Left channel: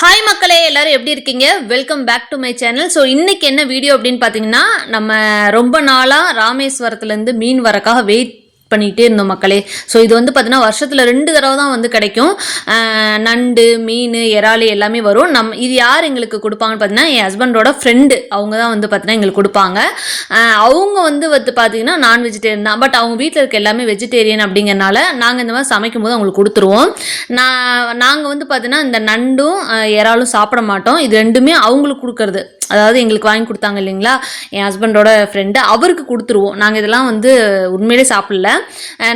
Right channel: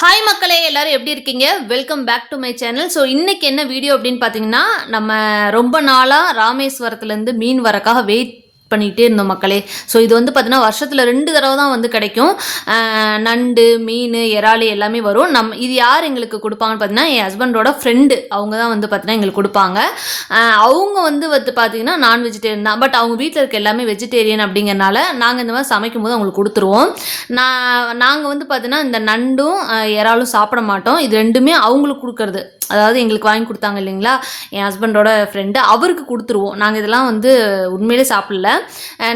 Hi மக்களே, எல்லாரும் எப்படி இருக்கீங்க? Welcome back to my channel. So இன்னைக்கு என்ன வீடியோ அப்படின்னு பார்த்தீங்கன்னா, நம்ம ரொம்ப நாளாக ராமேஸ்வரத்துலேருந்து மீன் வரக்காக வெயிட் பண்ணிகிட்டே இருந்தோம் மக்களே. ஸோ இது வந்து பார்த்தீங்கன்னா வருஷத்தில் 2 தடவை தான் வந்து கிடைக்கும். நண்டு, மீன், இறால் எல்லாமே வரும். இது யார் எங்களுக்கு கொடுப்பாங்கன்னு பார்த்தீங்கன்னா, என் ஹஸ்பண்டோட ஃப்ரெண்டு அவங்க தான் வந்து பார்த்தீங்கன்னா எங்களுக்கு கொடுப்பாங்க. அவங்க வந்து பார்த்தீங்கன்னா நான் வெஜிடேரியன் தான். பட் அவங்க வீட்டில் இருக்க எல்லாமே வெஜிடேரியன் அப்படிங்கிறனால நாங்கள் இந்த மாதிரி சமைக்கும் போது அவங்களுக்கு கொடுத்துருவோம். நாங்கள் வந்து பார்த்தீங்கன்னா இந்த நண்டும் இறாலும் சாப்பிட மாட்டோம். இது ரெண்டுமே அவங்களுக்கு கொடுக்கறது. அதாவது எங்களுக்கு வாங்கி கொடுத்தாங்க இல்லைங்களா, என் ஹஸ்பண்டோட ஃப்ரெண்டு, அவருக்கு கொடுத்துருவோம். நாங்கள் இதெல்லாம் வந்து உண்மையிலே சாப்பிடல.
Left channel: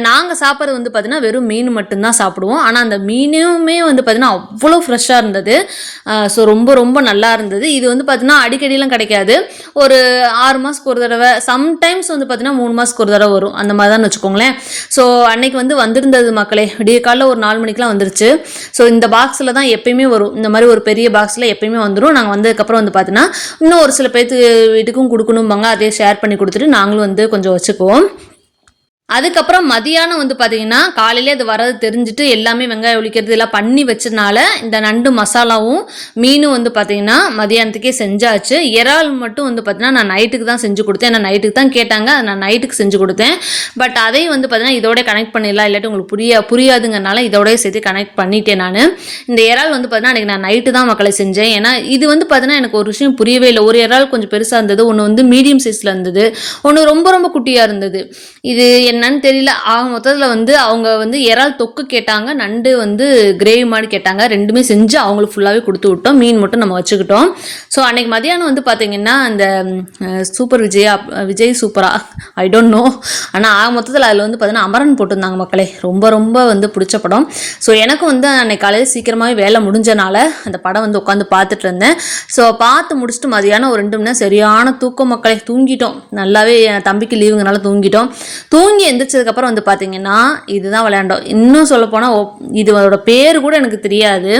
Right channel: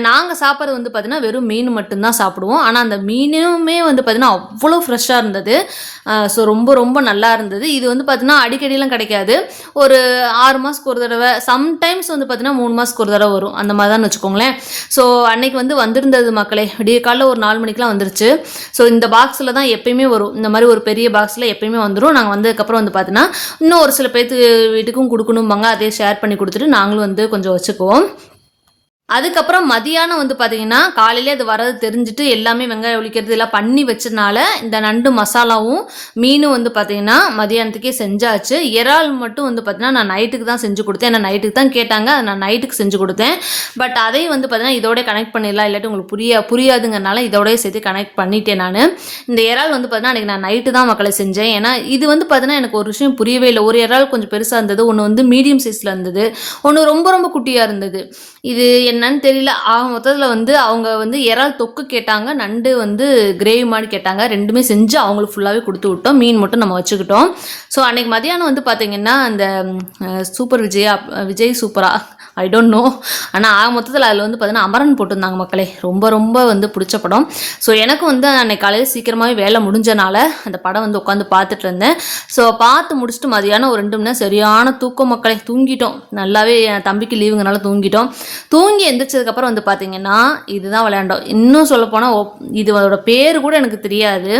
நாங்கள் சாப்பிட்றது வந்து பார்த்தீங்கன்னா வெறும் மீன் மட்டும்தான் சாப்பிடுவோம். ஆனால் அந்த மீனுமே வந்து பார்த்தீங்கன்னா அவ்வளோ ஃப்ரெஷ்ஷாக இருந்தது. ஸோ ரொம்ப ரொம்ப நல்லா இருந்தது. இது வந்து பார்த்தீங்கன்னா அடிக்கடிலாம் கிடைக்காது. ஒரு 6 மாதத்துக்கு ஒரு தடவை, சம்டைம்ஸ் வந்து பார்த்தீங்கன்னா 3 மாதத்துக்கு ஒரு தடவை வரும். அந்த மாதிரி தான் வச்சுக்கோங்களேன். ஸோ அன்னைக்கு வந்து வந்திருந்தது மக்களே. விடிய காலைல ஒரு 4 மணிக்கெலாம் வந்துருச்சு. ஸோ இந்த பாக்ஸில் தான் எப்பயுமே வரும். இந்த மாதிரி ஒரு பெரிய பாக்ஸில் எப்பயுமே வந்துடும். நாங்கள் வந்ததுக்கப்புறம் வந்து பார்த்தீங்கன்னா இன்னும் ஒரு சில பேர்த்து வீட்டுக்கும் கொடுக்கணும்பாங்க. அதே ஷேர் பண்ணி கொடுத்துட்டு நாங்களும் வந்து கொஞ்சம் வச்சுக்குவோம். அதுக்கப்புறம் மதியானம் வந்து பார்த்தீங்கன்னா காலையிலே அது வரது தெரிஞ்சுட்டு எல்லாமே வெங்காயம் ஒழிக்கிறது எல்லாம் பண்ணி வச்சதுனால இந்த நண்டு மசாலாவும் மீனும் வந்து பார்த்தீங்கன்னா மதியானத்துக்கே செஞ்சாச்சு. இறால் மட்டும் வந்து பார்த்தீங்கன்னா நான் நைட்டுக்கு தான் செஞ்சு கொடுத்தேன். ஏன்னா நைட்டுக்கு தான் கேட்டாங்க, அதை நான் நைட்டுக்கு செஞ்சு கொடுத்தேன். பட் அதையும் வந்து பார்த்தீங்கன்னா இதோட கனெக்ட் பண்ணிடலாம், இல்லாட்டி உங்களுக்கு புரியாதுங்கிறனால இதோடய சேர்த்து கனெக்ட் பண்ணிட்டேன். நான் இந்த இறால் வந்து பார்த்தீங்கன்னா அன்றைக்கி நான் நைட்டு தான் மக்களை செஞ்சேன். ஏன்னா இது வந்து பார்த்தீங்கன்னா எனக்கு ஒரு விஷயம் புரியவே இல்லை. ஒரு இறால் கொஞ்சம் பெருசாக இருந்தது, ஒன்று வந்து மீடியம் சைஸில் இருந்தது, ஒன்று ரொம்ப ரொம்ப குட்டியாக இருந்தது. இது என்னன்னு தெரியல. மொத்தத்தில் வந்து அவங்க வந்து இறால் தொக்கு கேட்டாங்க, நண்டு வந்து கிரேவி மாதிரி கேட்டாங்க. ரெண்டுமே செஞ்சு அவங்களுக்கு ஃபுல்லாகவே கொடுத்து விட்டோம். மீன் மட்டும் நம்ம வச்சுக்கிட்டோம். ஸோ அன்றைக்கி மதியானம் வந்து பார்த்திங்கன்னா அந்த சூப்பர் விஜய் சூப்பரா ஐ டோன்ட் நோ, ஆனால் மொத்தத்தில் அதில் வந்து பார்த்திங்கன்னா அமரன் போட்டிருந்தாங்க மக்களே. ரொம்ப ரொம்ப வந்து பிடிச்ச படம். ஸோ எனக்கு வந்து அன்றைக்கி காலையில் சீக்கிரமாகவே வேலை முடிஞ்சனால அந்த படம் வந்து உட்காந்து பார்த்துட்டு இருந்தேன். ஸோ பார்த்து முடிச்சுட்டு மதியானம் ஒரு 2 மணி நேரம் சரியான தூக்கம் மக்களே. தூங்கிட்டோம் நல்லாவே. என் தம்பிக்கு லீவுங்கனால தூங்கி எந்திரிச்சதுக்கப்புறம் வந்து பார்த்தீங்கன்னா இதுதான் விளையாண்டோம். இன்னும் சொல்லப்போனால் இதோட பேர் கூட எனக்கு தெரியாது.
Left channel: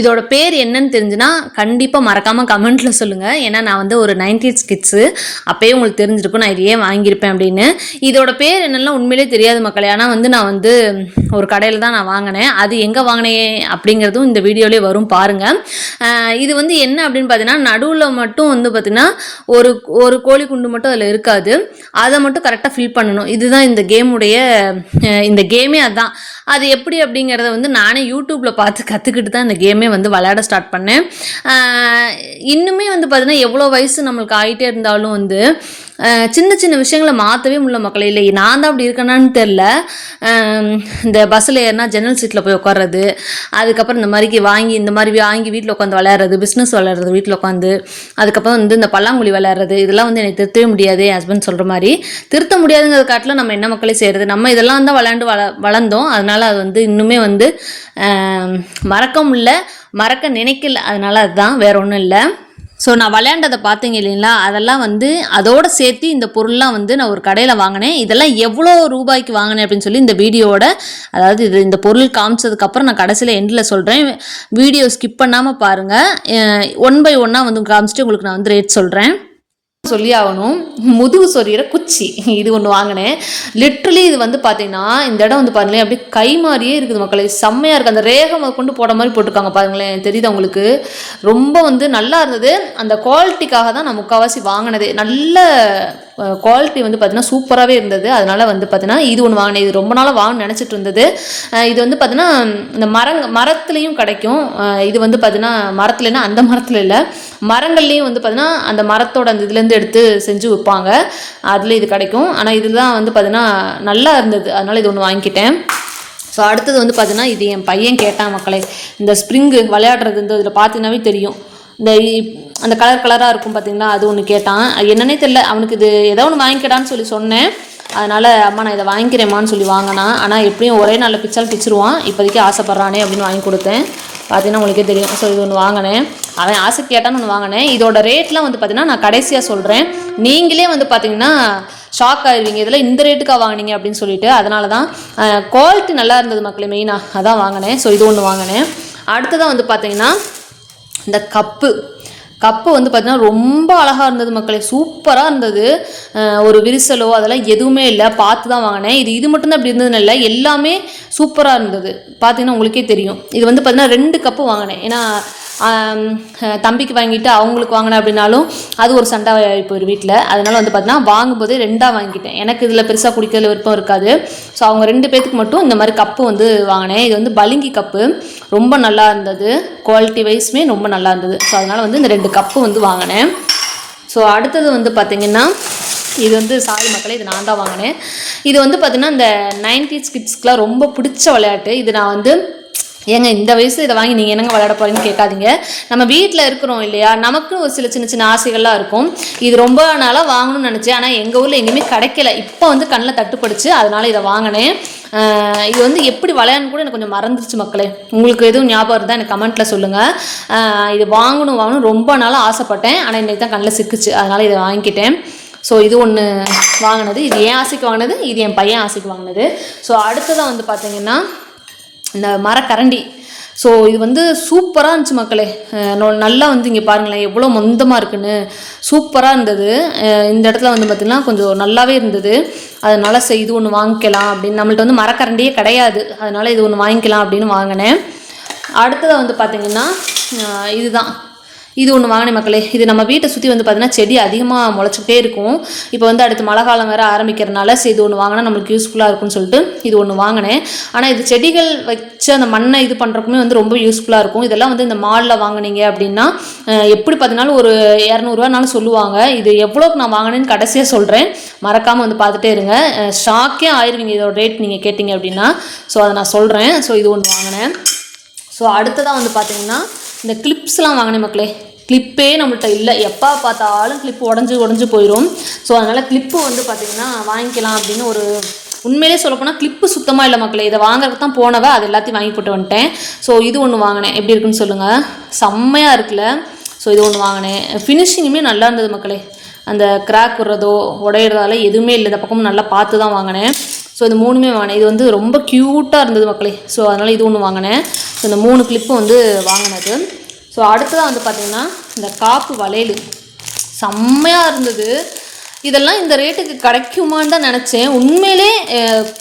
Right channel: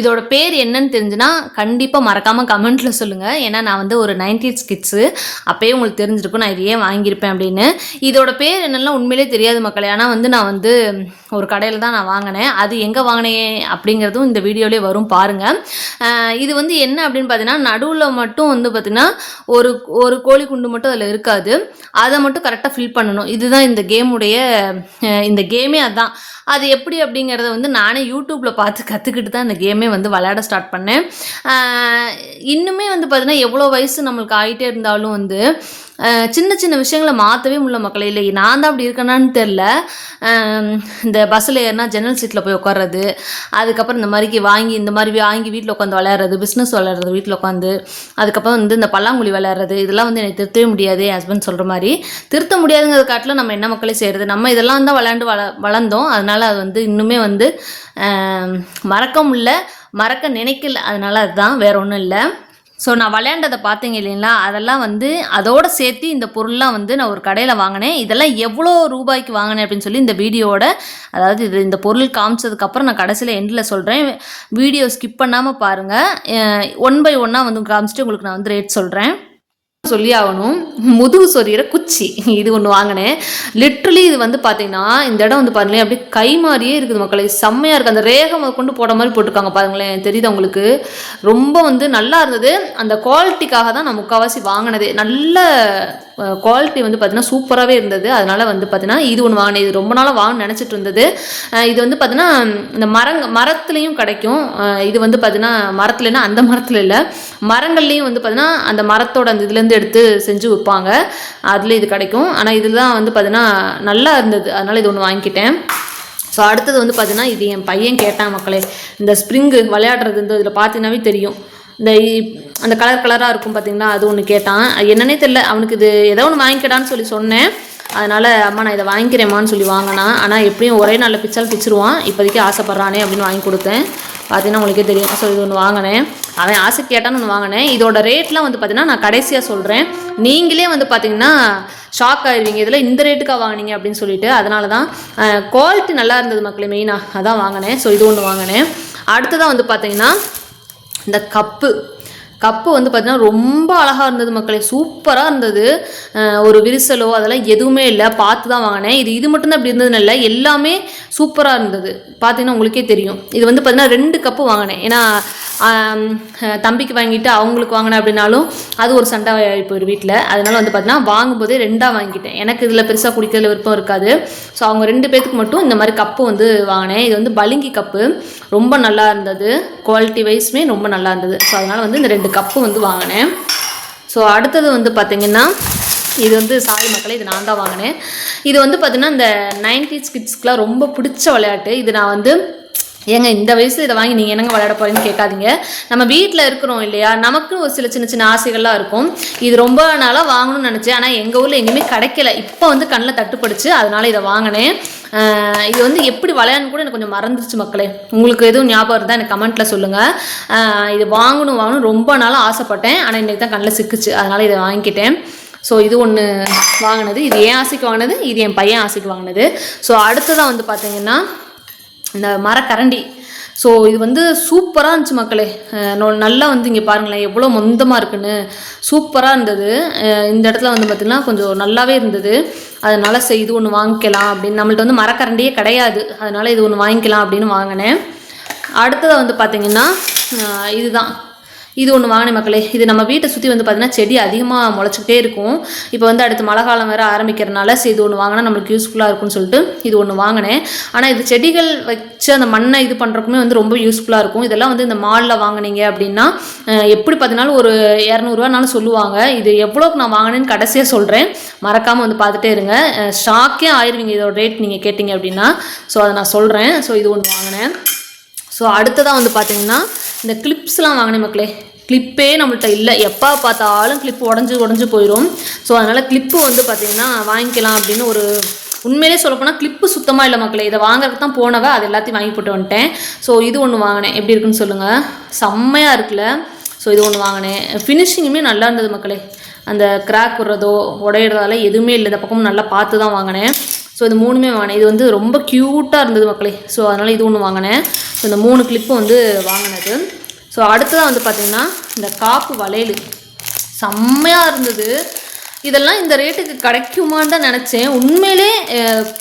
இதோட பேர் என்னன்னு தெரிஞ்சுன்னா கண்டிப்பாக மறக்காமல் கமெண்ட்டில் சொல்லுங்கள். ஏன்னா நான் வந்து ஒரு 90s கிட்ஸு, அப்போயே உங்களுக்கு தெரிஞ்சிருக்கும் நான் இது ஏன் வாங்கியிருப்பேன் அப்படின்னு. இதோட பேர் என்னெல்லாம் உண்மையிலே தெரியாது மக்களே. ஆனால் வந்து நான் வந்து ஒரு கடையில் தான் நான் வாங்கினேன். அது எங்கே வாங்கினேன் அப்படிங்கிறதும் இந்த வீடியோலேயே வரும் பாருங்கள். இது வந்து என்ன அப்படின்னு பார்த்தீங்கன்னா நடுவில் மட்டும் வந்து பார்த்திங்கன்னா ஒரு கோழி குண்டு மட்டும் அதில் இருக்காது. அதை மட்டும் கரெக்டாக ஃபில் பண்ணணும். இதுதான் இந்த கேமே அதுதான். அது எப்படி அப்படிங்கிறத வந்து நானே யூடியூப்பில் பார்த்து கற்றுக்கிட்டு தான் இந்த கேமே வந்து விளையாட ஸ்டார்ட் பண்ணேன். இன்னுமே வந்து பார்த்தீங்கன்னா எவ்வளோ வயசு நம்மளுக்கு ஆகிட்டே இருந்தாலும் வந்து சின்ன சின்ன விஷயங்களை மாற்றவே முடியல மக்களே. இல்லை நான் தான் அப்படி இருக்கேனான்னு தெரில. இந்த பஸ்ஸில் ஏறினா ஜன்னல் சீட்டில் போய் உட்கார்றது, அதுக்கப்புறம் இந்த மாதிரி வாங்கி வீட்டில் உட்காந்து விளையாடுறது, பிஸ்னஸ் விளையாடுறது வீட்டில் உட்காந்து, அதுக்கப்புறம் வந்து இந்த பல்லாங்குழி விளையாடுறது, இதெல்லாம் வந்து எனக்கு திருத்தவே முடியாது. என் ஹஸ்பண்ட் சொல்கிற மாதிரி திருத்த முடியாதுங்கிற காட்டில் நம்ம என்ன மக்களே செய்கிறது. நம்ம இதெல்லாம் தான் விளையாண்டு வளர்ந்தோம். அதனால் அது வந்து இன்னுமே வந்து மறக்க நினைக்கல. அதனால் அதுதான், வேற ஒன்றும் இல்லை. ஸோ நான் விளையாண்டதை பார்த்தீங்க இல்லைங்களா, அதெல்லாம் வந்து அதோடு சேர்த்து இந்த பொருள்லாம் வந்து நான் ஒரு கடையில் வாங்கினேன். இதெல்லாம் எவ்வளோ ரூபாய்க்கு வாங்கினேன் அப்படின்னு சொல்லி இந்த வீடியோவோட, அதாவது இந்த பொருள் காமிச்சதுக்கப்புறம் நான் கடைசியில் எண்டில் சொல்கிறேன். வீடியோ ஸ்கிப் பண்ணாமல் பாருங்கள். 1 by 1 வந்து காமிச்சிட்டு உங்களுக்கு நான் வந்து ரேட் சொல்கிறேன். சொல்லி ஆகணும். முதுகு சொறிகிற குச்சி இது ஒன்று வாங்கினேன். லிட்ரலி இது வந்து பார்த்தீங்கன்னா இந்த இடம் வந்து பாருங்களேன் அப்படியே கை மாதிரியே இருக்குது மக்களே. செம்மையாக இருக்குது. அந்த ரேகை கொண்டு போட மாதிரி போட்டிருக்காங்க பாருங்களேன், தெரியுது உங்களுக்கு? ரொம்ப வந்து நல்லா இருந்தது. அந்த குவாலிட்டிக்காக தான் நான் முக்கால்வாசி வாங்கினதே. நல்ல குவாலிட்டி வந்து பார்த்தீங்கன்னா சூப்பராகவே இருந்தது. அதனால் வந்து பார்த்தீங்கன்னா இது ஒன்று வாங்கினேன். இது ரொம்ப நாளாக வாங்கணும்னு நினச்சிட்டு இருந்தது. இது வந்து பார்த்தீங்கன்னா இந்த மரத்துலேயும் கிடைக்கும். இது வந்து பார்த்தீங்கன்னா மரத்துலன்னா அந்த மரத்தில் இல்லை, மரங்கள்லேயும் வந்து பார்த்தீங்கன்னா அந்த மரத்தோட அந்த இதுலேருந்து எடுத்து செஞ்சு வைப்பாங்க. அதில் இது கிடைக்கும். ஆனால் இதில் தான் வந்து பார்த்தீங்கன்னா நல்லா இருந்தது. அதனால் இது ஒன்று வாங்கிக்கிட்டேன். ஸோ அடுத்தது வந்து பார்த்தீங்கன்னா இது என் பையன் கேட்டான் மக்களே. இந்த ஸ்ப்ரிங்கு விளையாடுறது இந்த இதில் பார்த்தீங்கன்னாவே தெரியும். அந்த கலராக இருக்கும் பார்த்தீங்களா, அது ஒன்று கேட்டான். என்னன்னே தெரியல அவனுக்கு. இது ஏதோ ஒன்று வாங்கிக்கடான்னு சொல்லி சொன்னேன். அதனால் அம்மா நான் இதை வாங்கிக்கிறேம்மான்னு சொல்லி வாங்கினான். ஆனால் எப்படியும் ஒரே நாளில் பிச்சிருவான். இப்போதைக்கு ஆசைப்பட்றானே அப்படின்னு வாங்கி கொடுத்தேன். பார்த்தீங்கன்னா உங்களுக்கே தெரியும். ஸோ இது ஒன்று வாங்கினேன். அவன் ஆசை கேட்டான்னு ஒன்று வாங்கினேன். இதோட ரேட்லாம் வந்து பார்த்தீங்கன்னா நான் கடைசியாக சொல்கிறேன். நீங்களே வந்து பார்த்தீங்கன்னா ஷாக் ஆயிடுவீங்க, இதில் இந்த ரேட்டுக்காக வாங்கினீங்க அப்படின்னு சொல்லிட்டு. அதனால தான் குவாலிட்டி நல்லா இருந்தது மக்களே, மெயினாக அதான் வாங்கினேன். ஸோ இது ஒன்று வாங்கினேன். அடுத்ததான் வந்து பார்த்தீங்கன்னா இந்த கப்பு வந்து பார்த்திங்கன்னா ரொம்ப அழகாக இருந்தது மக்களே. சூப்பராக இருந்தது. ஒரு விரிசலோ அதெல்லாம் எதுவுமே இல்லை. பார்த்து தான் வாங்கினேன். இது மட்டும்தான் அப்படி இருந்ததுன்னு இல்லை, எல்லாமே சூப்பராக இருந்தது. பார்த்தீங்கன்னா உங்களுக்கே தெரியும். இது வந்து பார்த்திங்கன்னா 2 கப்பு வாங்கினேன். ஏன்னா தம்பிக்கு வாங்கிட்டு அவங்களுக்கு வாங்கினேன் அப்படின்னாலும் அது ஒரு சண்டை இப்போ ஒரு வீட்டில். அதனால் வந்து பார்த்தீங்கன்னா வாங்கும்போதே 2ஆக வாங்கிட்டேன். எனக்கு இதில் பெருசாக குடிக்கிறதுல விருப்பம் இருக்காது. ஸோ அவங்க 2 பேத்துக்கு மட்டும் இந்த மாதிரி கப்பு வந்து வாங்கினேன். இது வந்து பளிங்கி கப்பு, ரொம்ப நல்லா இருந்தது, குவாலிட்டி வைஸ்மே ரொம்ப நல்லா இருந்தது. ஸோ அதனால் வந்து இந்த 2 கப்பு வந்து வாங்கினேன். ஸோ அடுத்தது வந்து பார்த்திங்கன்னா இது வந்து சாரி மக்களே, இது நான் தான் வாங்கினேன். இது வந்து பார்த்திங்கன்னா இந்த 90s கிட்ஸ்க்குலாம் ரொம்ப பிடிச்ச விளையாட்டு. இது நான் வந்து ஏங்க இந்த வயசில் இதை வாங்கி நீங்கள் என்னங்க விளையாட போகிறீங்கன்னு கேட்காதீங்க. நம்ம வீட்டில் இருக்கிறோம் இல்லையா, நமக்கு ஒரு சின்ன சின்ன ஆசைகள்லாம் இருக்கும். இது ரொம்ப நாளாக வாங்கணும்னு நினச்சேன், ஆனால் எங்கள் ஊரில் எங்கேயுமே கிடைக்கல. இப்போ வந்து கண்ணில் தட்டுப்படுச்சு, அதனால் இதை வாங்கினேன். இது வந்து எப்படி விளையாடணும் கூட எனக்கு கொஞ்சம் மறந்துருச்சு மக்களே. உங்களுக்கு எதுவும் ஞாபகம் இருந்தால் எனக்கு கமெண்ட்டில் சொல்லுங்கள். இது வாங்கணும் ரொம்ப நாளாக ஆசைப்பட்டேன், ஆனால் இன்றைக்கி தான் கண்ணில் சிக்குச்சு, அதனால் இதை வாங்கிக்கிட்டேன். ஸோ இது ஒன்று வாங்கினது, இது என் ஆசைக்கு வாங்கினது, இது என் பையன் ஆசைக்கு வாங்கினது. ஸோ அடுத்ததான் வந்து பார்த்திங்கன்னா இந்த மரக்கரண்டி. ஸோ இது வந்து சூப்பராக இருந்துச்சு மக்களே. நல்லா வந்து இங்கே பாருங்களேன் எவ்வளோ மொந்தமாக இருக்குன்னு, சூப்பராக இருந்தது. இந்த இடத்துல வந்து பார்த்திங்கன்னா கொஞ்சம் நல்லாவே இருந்தது. அதனால் இது ஒன்று வாங்கிக்கலாம் அப்படின்னு, நம்மள்ட்ட வந்து மரக்கரண்டியே கிடையாது, அதனால் இது ஒன்று வாங்கிக்கலாம் அப்படின்னு வாங்கினேன். அடுத்ததாக வந்து பார்த்திங்கன்னா இதுதான், இது ஒன்று வாங்கினேன் மக்களே. இது நம்ம வீட்டை சுற்றி வந்து பார்த்திங்கன்னா செடி அதிகமாக முளைச்சிக்கிட்டே இருக்கும். இப்போ வந்து அடுத்து மழை காலம் வேறு ஆரம்பிக்கிறதுனால இது ஒன்று வாங்கினா நம்மளுக்கு யூஸ்ஃபுல்லாக இருக்கும்னு சொல்லிட்டு இது ஒன்று வாங்கினேன். ஆனால் இது செடிகள் வச்சு அந்த மண்ணை இது பண்ணுறக்குமே வந்து ரொம்ப யூஸ்ஃபுல்லாக இருக்கும். இதெல்லாம் வந்து இந்த மாலில் வாங்கினீங்க அப்படின்னா எப்படி பார்த்தினாலும் ஒரு 200 சொல்லுவாங்க. இது எவ்வளோக்கு நான் வாங்கினேன்னு கடைசியாக சொல்கிறேன், மறக்காமல் வந்து பார்த்துட்டே இருங்க. ஷாக்கே ஆயிடுவீங்க இதோட ரேட் நீங்கள் கேட்டிங்க அப்படின்னா. ஸோ அதை நான் சொல்கிறேன். ஸோ இது ஒன்று வாங்கினேன். ஸோ அடுத்ததாக வந்து பார்த்திங்கன்னா இந்த கிளிப்ஸ்லாம் வாங்கினேன் மக்களே. கிளிப்பே நம்மள்கிட்ட இல்லை, எப்போ பார்த்தாலும் கிளிப்பு உடஞ்சி போயிடும். ஸோ அதனால் கிளிப்பு வந்து பார்த்திங்கன்னா வாங்கிக்கலாம் அப்படின்னு ஒரு, உண்மையிலே சொல்லப்போனால் கிளிப்பு சுத்தமாக இல்லை மக்களே. இதை வாங்குறதுக்கு தான் போனவ, அது எல்லாத்தையும் வாங்கி போட்டு வந்துட்டேன். ஸோ இது ஒன்று வாங்கினேன், எப்படி இருக்குன்னு சொல்லுங்கள், செம்மையாக இருக்குல்ல. ஸோ இது ஒன்று வாங்கினேன். ஃபினிஷிங்குமே நல்லா இருந்தது மக்களே. அந்த கிராக் விடுறதோ உடையிறதால எதுவுமே இல்லை, இந்த பக்கமும் நல்லா பார்த்து தான் வாங்கினேன். ஸோ இது 3மே வாங்கினேன். இது வந்து ரொம்ப க்யூட்டாக இருந்தது மக்களே. ஸோ அதனால் இது ஒன்று வாங்கினேன். ஸோ இந்த 3 கிளிப்பு வந்து வாங்கினது. ஸோ அடுத்ததாக வந்து பார்த்திங்கன்னா இந்த காப்பு வளையல் செம்மையாக இருந்தது. இதெல்லாம் இந்த ரேட்டுக்கு கிடைக்குமான்னு தான் நினச்சேன். உண்மையிலே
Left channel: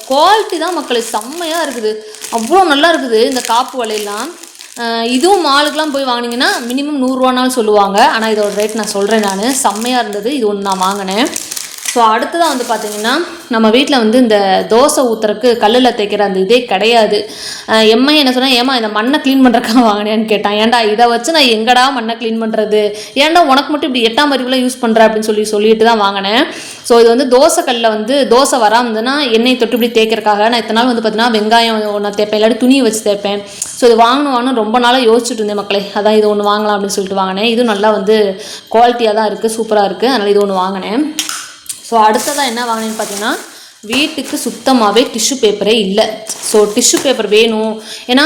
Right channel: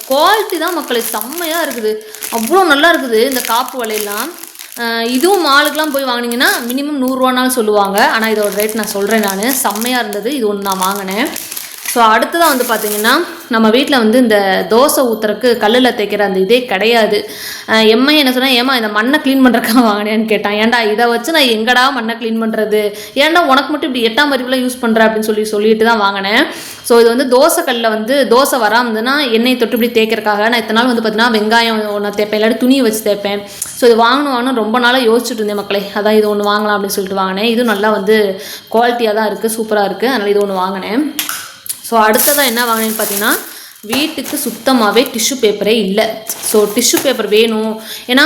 குவாலிட்டி தான் மக்களே, செம்மையாக இருக்குது, அவ்வளோ நல்லா இருக்குது இந்த காப்பு வளையல்லாம். இதுவும் மாலுக்கெலாம் போய் வாங்கினீங்கன்னா மினிமம் 100 ரூபானாலும் சொல்லுவாங்க. ஆனால் இதோட ரேட் நான் சொல்கிறேன், நான் செம்மையாக இருந்தது. இது ஒன்று நான் வாங்கினேன். ஸோ அடுத்ததாக வந்து பார்த்திங்கன்னா நம்ம வீட்டில் வந்து இந்த தோசை ஊற்றுறக்கு கல்லில் தைக்கிற அந்த இதே கிடையாது. எம்ஐ என்ன சொன்னால், ஏமா இந்த மண்ணை க்ளீன் பண்ணுறக்கா வாங்கினேன்னு கேட்டான். ஏன்டா இதை வச்சு நான் எங்கடா மண்ணை க்ளீன் பண்ணுறது, ஏன்டா உனக்கு மட்டும் இப்படி 8ஆம் அறிவுலாம் யூஸ் பண்ணுற அப்படின்னு சொல்லிட்டு தான் வாங்கினேன். ஸோ இது வந்து தோசை கல்லில் வந்து தோசை வராமதுன்னா எண்ணெய் தொட்டு இப்படி தேய்க்கிறக்காக நான் இத்தனை நாள் வந்து பார்த்திங்கன்னா வெங்காயம் ஒன்று தேய்ப்பேன், இல்லாட்டி துணியை வச்சு தேய்ப்பேன். ஸோ இது வாங்கணும் ரொம்ப நாளாக யோசிச்சுட்டு இருந்தேன் மக்களே. அதான் இது ஒன்று வாங்கலாம் அப்படின்னு சொல்லிட்டு வாங்கினேன். இது நல்லா வந்து குவாலிட்டியாக தான் இருக்குது, சூப்பராக இருக்குது, அதனால் இது ஒன்று வாங்கினேன். ஸோ அடுத்ததாக என்ன வாங்கினேன்னு பார்த்தீங்கன்னா, வீட்டுக்கு சுத்தமாகவே டிஷ்யூ பேப்பரே இல்லை. ஸோ டிஷ்யூ பேப்பர் வேணும். ஏன்னா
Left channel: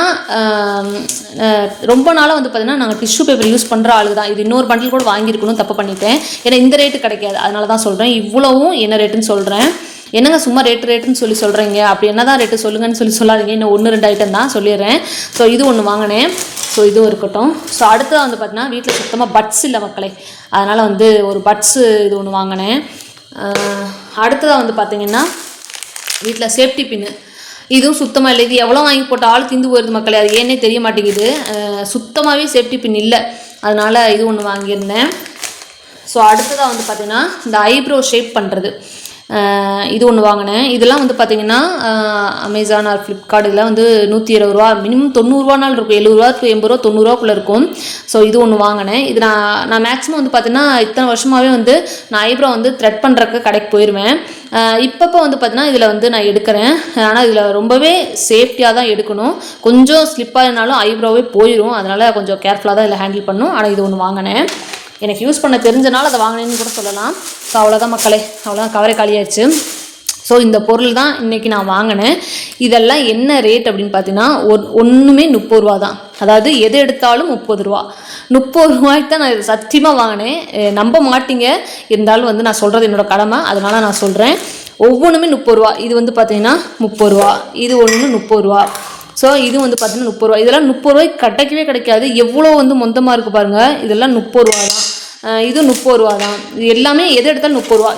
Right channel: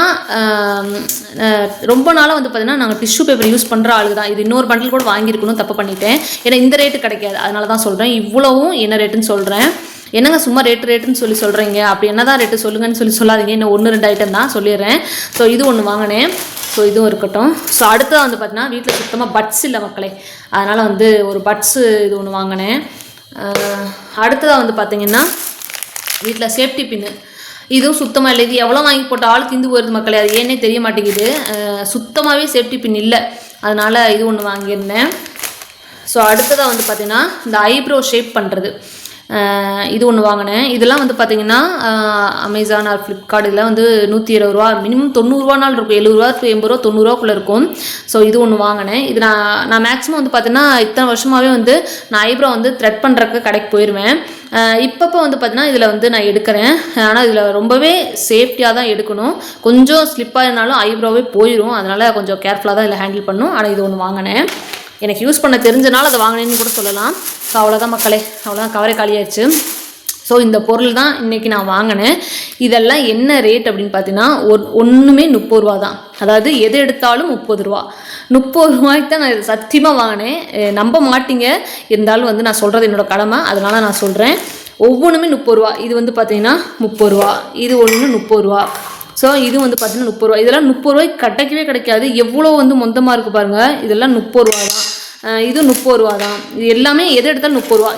ரொம்ப நாளாக வந்து பார்த்திங்கன்னா நாங்கள் டிஷ்யூ பேப்பர் யூஸ் பண்ணுற ஆளுக்கு தான். இது இன்னொரு பண்டில் கூட வாங்கியிருக்கணும், தப்பு பண்ணிட்டேன். ஏன்னா இந்த ரேட்டு கிடைக்காது, அதனால தான் சொல்கிறேன். இவ்வளவும் என்ன ரேட்டுன்னு சொல்கிறேன். என்னங்க சும்மா ரேட்டுன்னு சொல்கிறீங்க, அப்படி என்ன தான் ரேட்டு சொல்லுங்கன்னு சொல்லாதீங்க. இன்னும் 1-2 ஐட்டம் தான் சொல்லிடுறேன். ஸோ இது ஒன்று வாங்கினேன். ஸோ இதுவும் இருக்கட்டும். ஸோ அடுத்ததாக வந்து பார்த்தீங்கன்னா வீட்டில் சுத்தமாக பட்ஸ் இல்லை மக்களே, அதனால் வந்து ஒரு பட்ஸு இது ஒன்று வாங்கினேன். அடுத்ததாக வந்து பார்த்திங்கன்னா வீட்டில் சேஃப்டி பின்னு, இதுவும் சுத்தமாக இல்லை. இது எவ்வளோ வாங்கி போட்ட ஆள் திந்து போயிருது மக்களே, அது ஏன்னே தெரிய மாட்டேங்குது. சுத்தமாகவே சேஃப்டி பின் இல்லை, அதனால் இது ஒன்று வாங்கியிருந்தேன். ஸோ அடுத்ததாக வந்து பார்த்திங்கன்னா இந்த ஐப்ரோ ஷேப் பண்ணுறது, இது ஒன்று வாங்கினேன். இதெல்லாம் வந்து பார்த்திங்கன்னா அமேசான் ஆர் ஃப்ளிப்கார்ட் இதெல்லாம் வந்து 120 ரூபா, மினிமம் 90 ரூபானாலும் இருக்கும். 70 ரூபா to 80 ரூபா 90 ரூபாக்குள்ளே இருக்கும். ஸோ இது ஒன்று வாங்கினேன். இது நான் மேக்ஸிமம் வந்து பார்த்திங்கன்னா இத்தனை வருஷமாகவே வந்து நான் ஐப்ரோ வந்து த்ரெட் பண்ணுறக்கு கடைக்கு போயிடுவேன். இப்பப்போ வந்து பார்த்திங்கன்னா இதில் வந்து நான் எடுக்கிறேன். ஆனால் இதில் ரொம்பவே சேஃப்டியாக தான் எடுக்கணும். கொஞ்சம் ஸ்லிப்பாக இருந்தாலும் ஐப்ரோவே போயிடும், அதனால் கொஞ்சம் கேர்ஃபுல்லாக தான் இதில் ஹேண்டில் பண்ணணும். ஆனால் இது ஒன்று வாங்கினேன். எனக்கு யூஸ் பண்ண தெரிஞ்சனால அதை வாங்கினேன்னு கூட சொல்லலாம். ஸோ அவ்வளோதான் மக்களே, அவ்வளோதான், கவரை காலியாகிடுச்சு. ஸோ இந்த பொருள் தான் இன்றைக்கி நான் வாங்கினேன். இதெல்லாம் என்ன ரேட் அப்படின்னு பார்த்தீங்கன்னா ஒன்றுமே 30 ரூபா தான். அதாவது எது எடுத்தாலும் 30 ரூபா. 30 ரூபாய்க்கு தான் நான் இது சத்தியமாக வாங்கினேன். நம்ப மாட்டீங்க, இருந்தாலும் வந்து நான் சொல்கிறது என்னோடய கடமை, அதனால் நான் சொல்கிறேன். ஒவ்வொன்றுமே 30 ரூபா. இது வந்து பார்த்தீங்கன்னா 30 ரூபா, இது ஒன்று 30 ரூபா. ஸோ இது வந்து பார்த்தீங்கன்னா 30 ரூபா. இதெல்லாம் 30 ரூபாய்க்கு கிடைக்கவே கிடைக்காது. எவ்வளோ வந்து மொத்தமாக இருக்குது பாருங்கள். இதெல்லாம் 30 ரூபா தான். இது 30 ரூபா தான். இது எல்லாமே எது எடுத்தாலும் 30 ரூபா.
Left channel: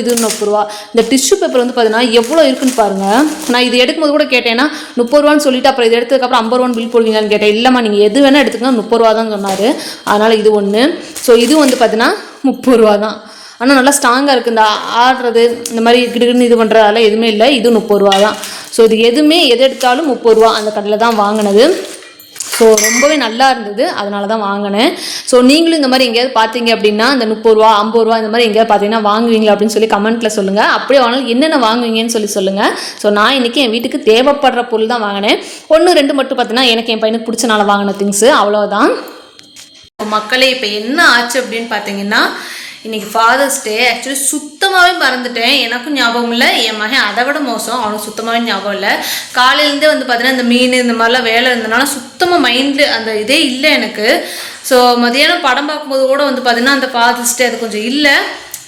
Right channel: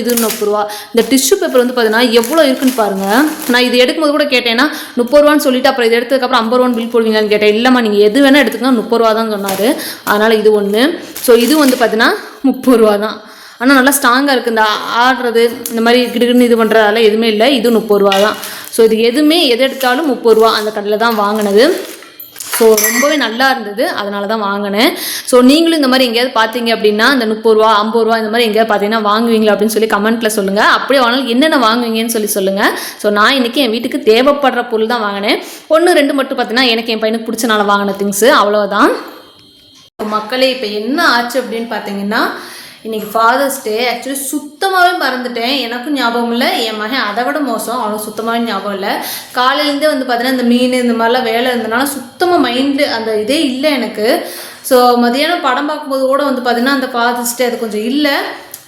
இது 30 ரூபா. இந்த டிஷ்யூ பேப்பர் வந்து பார்த்தீங்கன்னா எவ்வளோ இருக்குன்னு பாருங்கள். நான் இது எடுக்கும்போது கூட கேட்டேன்னா 30 ரூபான்னு சொல்லிட்டு அப்புறம் இது எடுத்ததுக்கப்புறம் 50 ரூபான்னு பில் போடுவீங்களான்னு கேட்டேன். இல்லைம்மா நீங்கள் எது வேணால் எடுத்துக்கலாம் 30 ரூபா தான் சொன்னார். அதனால் இது ஒன்று. ஸோ இது வந்து பார்த்தீங்கன்னா 30 ரூபா தான். ஆனால் நல்லா ஸ்ட்ராங்காக இருக்குது. இந்த ஆடுறது இந்த மாதிரி கிடுகிடுன்னு இது பண்ணுறதால எதுவுமே இல்லை. இது 30 ரூபா தான். ஸோ இது எதுவுமே எது எடுத்தாலும் 30 ரூபா. அந்த கடையில் தான் வாங்கினது. ஸோ ரொம்பவே நல்லா இருந்தது, அதனால தான் வாங்கினேன். ஸோ நீங்களும் இந்த மாதிரி எங்கேயாவது பார்த்தீங்க அப்படின்னா இந்த 30 ரூபா 50 ரூபா இந்த மாதிரி எங்கேயாவது பார்த்தீங்கன்னா வாங்குவீங்களா அப்படின்னு சொல்லி கமெண்ட்டில் சொல்லுங்கள். அப்படியே வாங்கினாலும் என்னென்ன வாங்குவீங்கன்னு சொல்லுங்கள். ஸோ நான் இன்றைக்கி என் வீட்டுக்கு தேவைப்படுற பொருள் தான் வாங்கினேன். 1 2 மட்டும் பார்த்தீங்கன்னா எனக்கு என் பையனுக்கு பிடிச்சனால வாங்கின திங்ஸு, அவ்வளோதான். மக்களே இப்போ என்ன ஆச்சு அப்படின்னு பார்த்தீங்கன்னா இன்றைக்கி ஃபாதர்ஸ் டே. ஆக்சுவலி சுத்தமாகவே மறந்துட்டேன். எனக்கும் ஞாபகம் இல்லை, என் மகன் அதை விட மோசம், அவனுக்கு சுத்தமாகவே ஞாபகம் இல்லை. காலையிலேருந்தே வந்து பார்த்தீங்கன்னா இந்த மீன் இந்த மாதிரிலாம் வேலை இருந்தனால சுத்தமாக மைண்டு அந்த இதே இல்லை எனக்கு. ஸோ மதியானம் படம் பார்க்கும்போது கூட வந்து பார்த்திங்கன்னா அந்த ஃபாதர்ஸ் டே அது கொஞ்சம் இல்லை,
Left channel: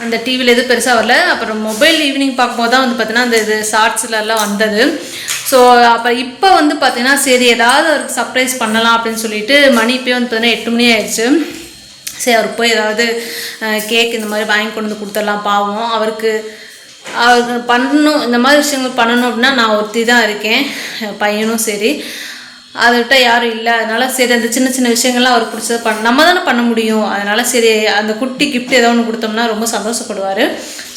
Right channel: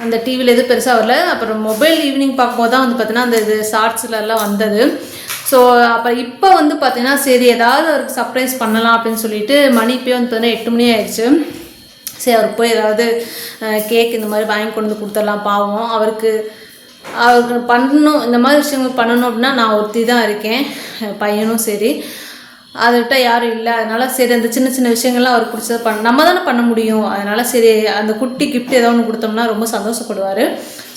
அந்த டிவியில் எதுவும் பெருசாக வரல. அப்புறம் மொபைல் ஈவினிங் பார்க்கும்போது தான் வந்து பார்த்தீங்கன்னா அந்த இது ஷார்ட்ஸ்லலாம் வந்தது. ஸோ அப்போ இப்போ வந்து பார்த்தீங்கன்னா சரி ஏதாவது அவருக்கு சர்ப்ரைஸ் பண்ணலாம் அப்படின்னு சொல்லிட்டு மணி இப்போ வந்து பார்த்தீங்கன்னா 8 மணி ஆயிடுச்சு. சரி அவருக்கு போய் ஏதாவது கேக் இந்த மாதிரி வாங்கி கொண்டு வந்து கொடுத்துடலாம். பாவம் அவருக்கு பண்ணணும், இந்த மாதிரி விஷயங்கள் பண்ணணும் அப்படின்னா நான் ஒருத்தி தான் இருக்கேன், பையனும் சரி, அதை விட்டால் யாரும் இல்லை. அதனால் சரி அந்த சின்ன சின்ன விஷயங்கள்லாம் அவருக்கு பிடிச்சதை நம்ம தானே பண்ண முடியும். அதனால் சரி அந்த குட்டி கிஃப்ட் ஏதோ ஒன்று கொடுத்தோம்னா ரொம்ப சந்தோஷப்படுவார்.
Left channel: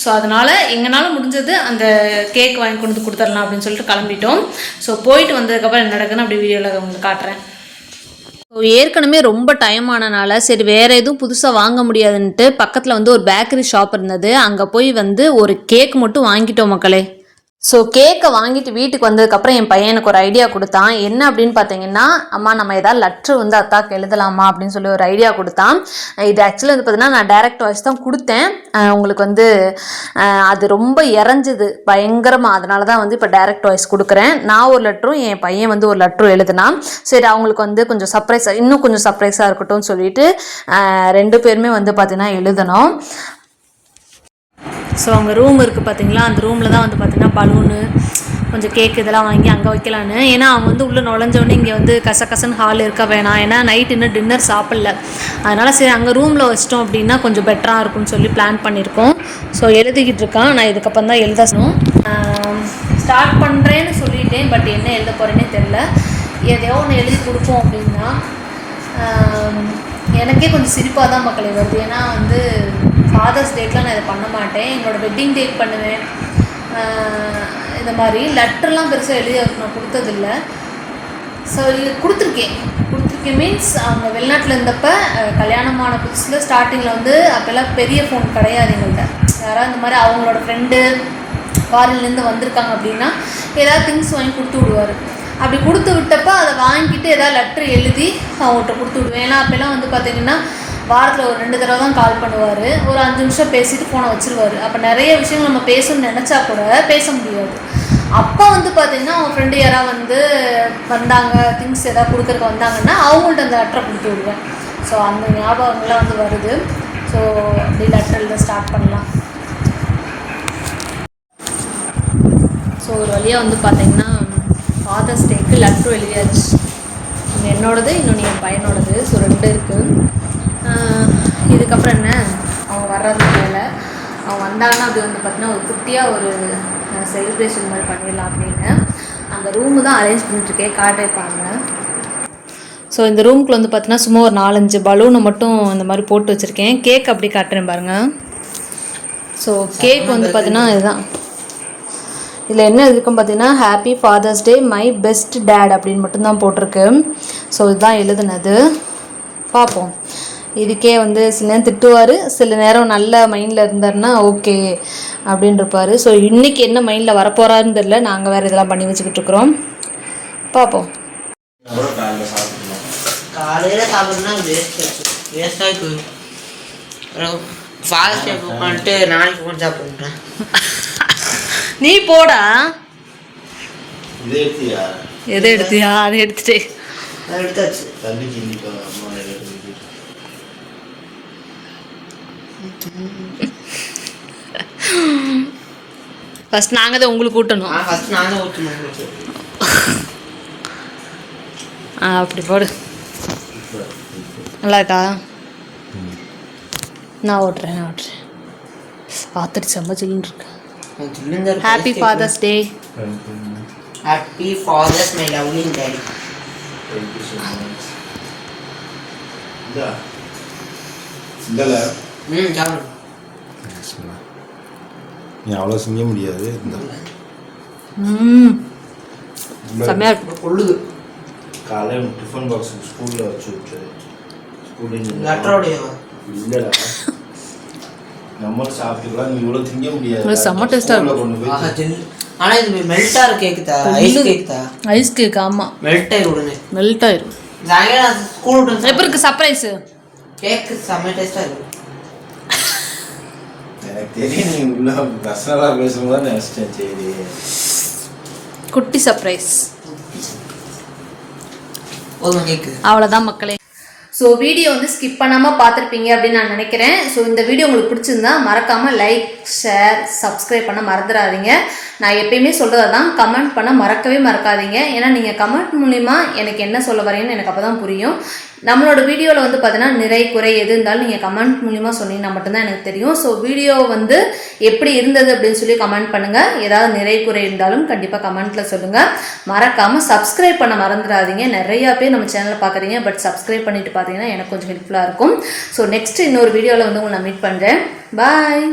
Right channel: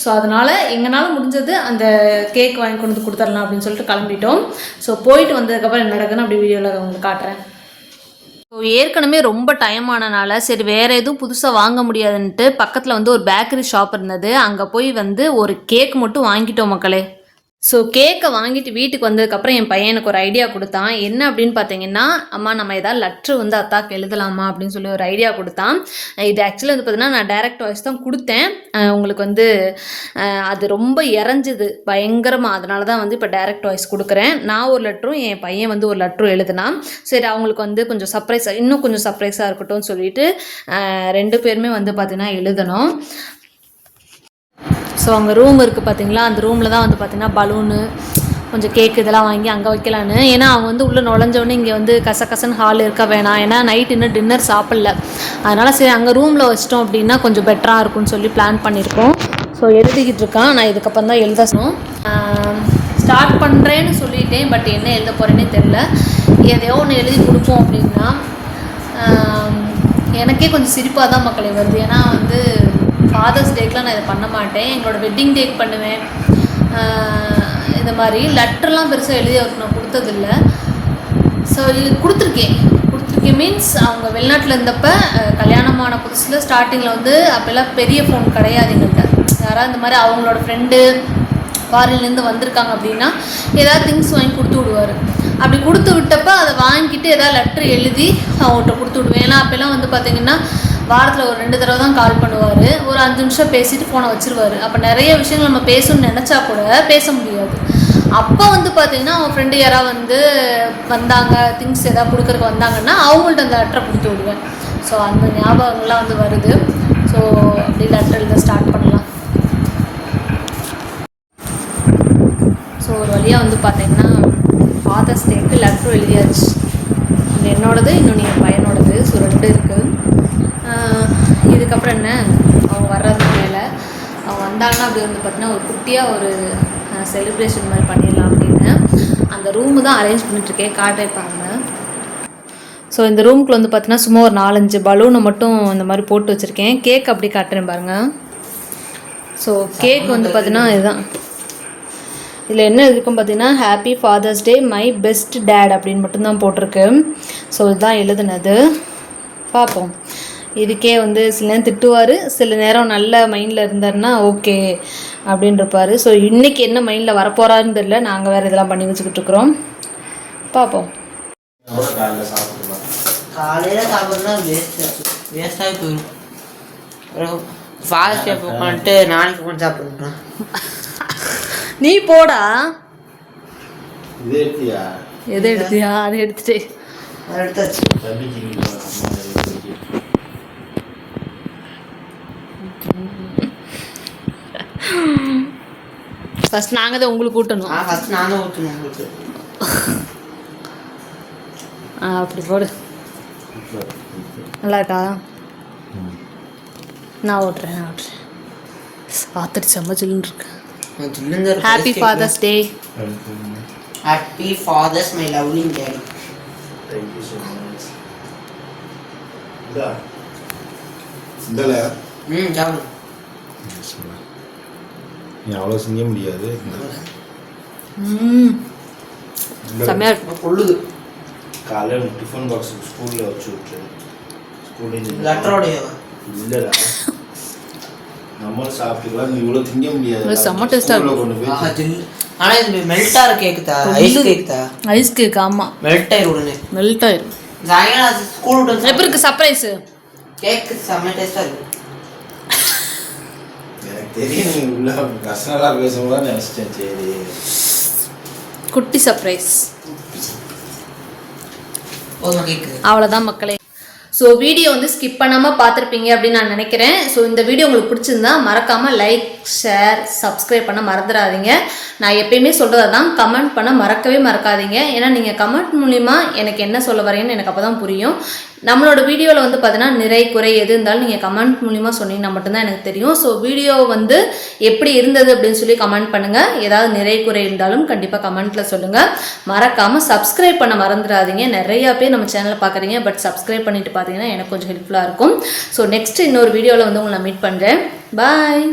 ஸோ அதனால் எங்களால் முடிஞ்சது அந்த கேக் வாங்கி கொண்டு வந்து கொடுத்துடலாம் அப்படின்னு சொல்லிட்டு கிளம்பிட்டோம். ஸோ போயிட்டு வந்ததுக்கப்புறம் என்ன நடக்குன்னு அப்படி வீடியோவில் உங்களுக்கு காட்டுறேன். ஸோ ஏற்கனவே ரொம்ப டைம் ஆனனால சரி வேறு எதுவும் புதுசாக வாங்க முடியாதுன்ட்டு பக்கத்தில் வந்து ஒரு பேக்கரி ஷாப் இருந்தது, அங்கே போய் வந்து ஒரு கேக் மட்டும் வாங்கிட்டோம் மக்களே. ஸோ கேக்கை வாங்கிட்டு வீட்டுக்கு வந்ததுக்கப்புறம் என் பையனுக்கு ஒரு ஐடியா கொடுத்தான். என்ன அப்படின்னு பார்த்தீங்கன்னா, அம்மா நம்ம ஏதாவது லெட்ரு வந்து அத்தாக்கு எழுதலாமா அப்படின்னு சொல்லி ஒரு ஐடியா கொடுத்தான். இது ஆக்சுவலி வந்து பார்த்தீங்கன்னா நான் டைரக்ட் வாய்ஸ் தான் கொடுத்தேன். உங்களுக்கு வந்து அது ரொம்ப இறஞ்சுது பயங்கரமாக, அதனால தான் வந்து இப்போ டைரக்ட் வாய்ஸ் கொடுக்குறேன். நான் ஒரு லெட்டரும் என் பையன் வந்து ஒரு லெட்டரும் எழுதினான். சரி அவங்களுக்கு வந்து கொஞ்சம் சர்ப்ரைஸாக இன்னும் கொஞ்சம் சர்ப்ரைஸாக இருக்கட்டும்னு சொல்லிட்டு 2 பேருமே வந்து பார்த்தீங்கன்னா எழுதணும். ஸோ அங்கே ரூம் இருக்குது பார்த்தீங்களா, அந்த ரூமில் தான் வந்து பார்த்திங்கன்னா பலூனு கொஞ்சம் கேக் இதெல்லாம் வாங்கி அங்கே வைக்கலான்னு. ஏன்னா அவங்க வந்து உள்ளே நுழைஞ்சோடனே இங்கே வந்து கசகசன்னு ஹால் இருக்க வேணாம், ஏன்னா நைட் இன்னும் டின்னர் சாப்பிடல, அதனால் சரி அங்கே ரூமில் வச்சிட்டோம் அப்படின்னா கொஞ்சம் பெட்டராக இருக்கும்னு சொல்லி பிளான் பண்ணியிருக்கோம். ஸோ எழுதிக்கிட்டு இருக்கான், நான் இதுக்கப்புறம் தான் எழுதணும். ஸ்டார்ட் பண்ணுறேன்னு சொல்லிட்டேன், பட் என்ன எழுத போகிறேன்னே தெரில. எதையோ ஒன்று எழுதி கொடுப்போம் அப்படின்னா எனக்கே கொஞ்சம் சிரிப்பாக தான் மக்களே வருது. ஏன்னா வந்து ஃபாதர்ஸ் டேக்கெலாம் நான் இதை பண்ண மாட்டேன், எங்களோட வெட்டிங் டேக் பண்ணுவேன். இந்த மாதிரி லெட்டர்லாம் பெருசாக எழுதி அவருக்கு நான் கொடுத்ததில்ல. ஸோ இது கொடுத்துருக்கேன் மீன்ஸ் அவங்க வெளிநாட்டில் இருந்தப்போ கல்யாணமான புதுசில் ஸ்டார்டிங்கில் வந்து அப்போல்லாம் பெரிய ஃபோன் கிடையாது எங்கள்கிட்ட. யாராவது இந்த மாதிரி அவங்களோட ஃப்ரெண்டு ஃபாரின்லேருந்து வந்திருக்காங்க அப்படின்னா ஏதாவது திங்ஸ் வாங்கி கொடுத்து விடுவார். அப்படி கொடுத்து விட்டப்போ அதை வாங்கிட்டு ஏதாவது லெட்ரு எழுதி அவங்கள்ட்ட கொடுத்து விடுவேன். ஏன்னா அப்போல்லாம் வந்து பார்த்திங்கன்னா வாரத்தில் ஒரு 2 தடவை தான் கால் பண்ணுவார், ஒரு 5 நிமிஷம் பேசிட்டு ஃபோனை வச்சுருவார். அப்போ நிறைய விஷயங்கள் நம்ம பேசணும்னு நினச்சா கூட பேச முடியாது. அப்போ வந்து பார்த்திங்கன்னா அவங்க ஃப்ரெண்டு யாராவது வந்து வந்தாங்க, திங்ஸ் எதாவது கொடுக்குறக்கு வந்தாங்கன்னா அவங்கள்ட்ட அந்த லெட்டரை கொடுத்து விடுவேன். ஸோ அந்த ஞாபகங்கள்லாம் வந்து வருது. ஸோ அப்படி லெட்டர் எழுத ஸ்டார்ட் பண்ணலாம். ஸோ ஒரு வழியாக வந்து பார்த்திங்கன்னா ஃபாதர்ஸ் டேக்கு லெட்டரும் எழுதியாச்சு. என்னோடது இன்னொன்று என் பையனோடது. ஸோ 2 இருக்குது. இதுக்கப்புறம் என்ன அவங்க வர்றது மேலே அவங்க வந்தாங்கன்னா அப்படி வந்து பார்த்திங்கன்னா ஒரு குட்டியாக ஒரு செலிப்ரேஷன் மாதிரி பண்ணிடலாம் அப்படின்னு அந்த ரூமு தான் அரேஞ்ச் பண்ணிட்டுருக்கேன், காட்டிருப்பாங்க. ஸோ இந்த ரூமுக்குள்ள வந்து பார்த்திங்கன்னா சும்மா ஒரு 4-5 பலூனை மட்டும் இந்த மாதிரி போட்டு வச்சுருக்கேன். கேக் அப்படி காட்டுறேன் பாருங்கள். ஸோ கேக் வந்து பார்த்திங்கன்னா இதுதான், இதில் என்ன இருக்கும் பார்த்தீங்கன்னா happy father's day my best dad அப்படின்னு மட்டும்தான் போட்டிருக்கு. ஸோ இதுதான் எழுதுனது. பார்ப்போம், இதுக்கே வந்து சில நேரம் திட்டுவார், சில நேரம் நல்ல மைண்டில் இருந்தாருன்னா ஓகே அப்படின்னு இருப்பார். ஸோ இன்றைக்கி என்ன மைண்டில் வரப்போகிறாருன்னு தெரியல, நாங்கள் வேறு இதெல்லாம் பண்ணி வச்சுக்கிட்டு இருக்கிறோம். பார்ப்போம். காலையில் சாப்பிட்றதுனா வேஸ்டாக போயிடும். ஃபாதர்ஸ் டே போட்டு நாளைக்கு கொஞ்சம் சாப்பிட்றேன். நீ போடா. எதை எடுத்தியா? அதை எடுத்துட்டே எடுத்தாச்சு. ஃபர்ஸ்ட் நாங்கள் தான் உங்களுக்கு ஊட்டணும். ஃபர்ஸ்ட் நான் தான் ஊட்டணும் உங்களுக்கு. அப்படி போடு. நல்லா இருக்கா? நான் ஓட்டுறேன் ஆத்தடி செம்ம ஜில்லுன்னு இருக்கு. சில்லுங்க happy father's day. Happy father's my lovely daddy. சாப்பிடு. நீ அவ்வளோ செய்ய முடியாது. செம்மையா இருக்கு. கொள்ளுது காலையில் டிஃபன் பாக்ஸுக்கு ஸ்கூலில் வச்சு விட்டு ஸ்கூலில் லெட்டரோடையவா இல்லைடா நம்மளும் சாப்பிட்டுக்கலாம். நீ இவ்வளோ திங்க முடியாது. செம்ம டேஸ்டா இருக்கும். கொண்டு போய் ஆனா இது மெல்ட்டா இருக்கு. கேக்குதா? ஐஸ் கேக்குதா? Ice cake. ஆமா மெல்ட் ஆயிரும் உடனே. மெல்ட் ஆயிரும். சாயங்காலம் ஸ்கூல் விட்டு எப்படி இருக்கு சர்ப்ரைஸ்? கேக் செம்ம டேஸ்டா இருக்கு. எனக்கு தெரியும் நீ உள்ள பர்சனலாக பேசும்போது நினச்சிட்டேன். சரி குட்டி சர்ப்ரைஸ். போதுமா கேக்கு? அவ்வளோதான் மக்களே. ஸோ வீடியோ வந்து ஸ்கிப் பண்ணாமல் பார்த்துருப்பீங்க அப்படின்னு நான் நினைக்கிறேன். ஸோ இந்த வீடியோ உங்களுக்கு பிடிச்சிருந்தா மறக்காமல் லைக் ஷேர் சப்ஸ்கிரைப் பண்ண மறந்துடாதீங்க. நான் எப்பயுமே சொல்கிறது தான், கமெண்ட் பண்ண மறக்கவே மறக்காதீங்க. ஏன்னா நீங்கள் கமெண்ட் மூலிமா எனக்கு என்ன சொல்ல வரீங்கன்னு எனக்கு அப்போ தான் புரியும். நம்மளோட வீடியோவில் வந்து பார்த்தீங்கன்னா நிறை குறை எது இருந்தாலும் நீங்கள் கமெண்ட் மூலிமா சொன்னீங்கன்னா மட்டும்தான் எனக்கு தெரியும். ஸோ வீடியோ வந்து எப்படி இருந்தது அப்படின்னு சொல்லி கமெண்ட் பண்ணுங்கள். ஏதாவது நிறை குறை இருந்தாலும் கண்டிப்பாக கமெண்ட்டில் சொல்லுங்கள். மறக்காமல் சப்ஸ்கிரைப் பண்ண மறந்துடாதீங்க. நிறையா பேர் நம்ம சேனலை பார்க்குறீங்க, பட் சப்ஸ்கிரைப் பண்ணிட்டு பார்த்தீங்கன்னா எனக்கு கொஞ்சம் ஹெல்ப்ஃபுல்லாக இருக்கும். ஸோ நெக்ஸ்ட் இன்னொரு வீடியோவில் வந்து உங்களை நான் மீட் பண்ணுறேன். பாய்.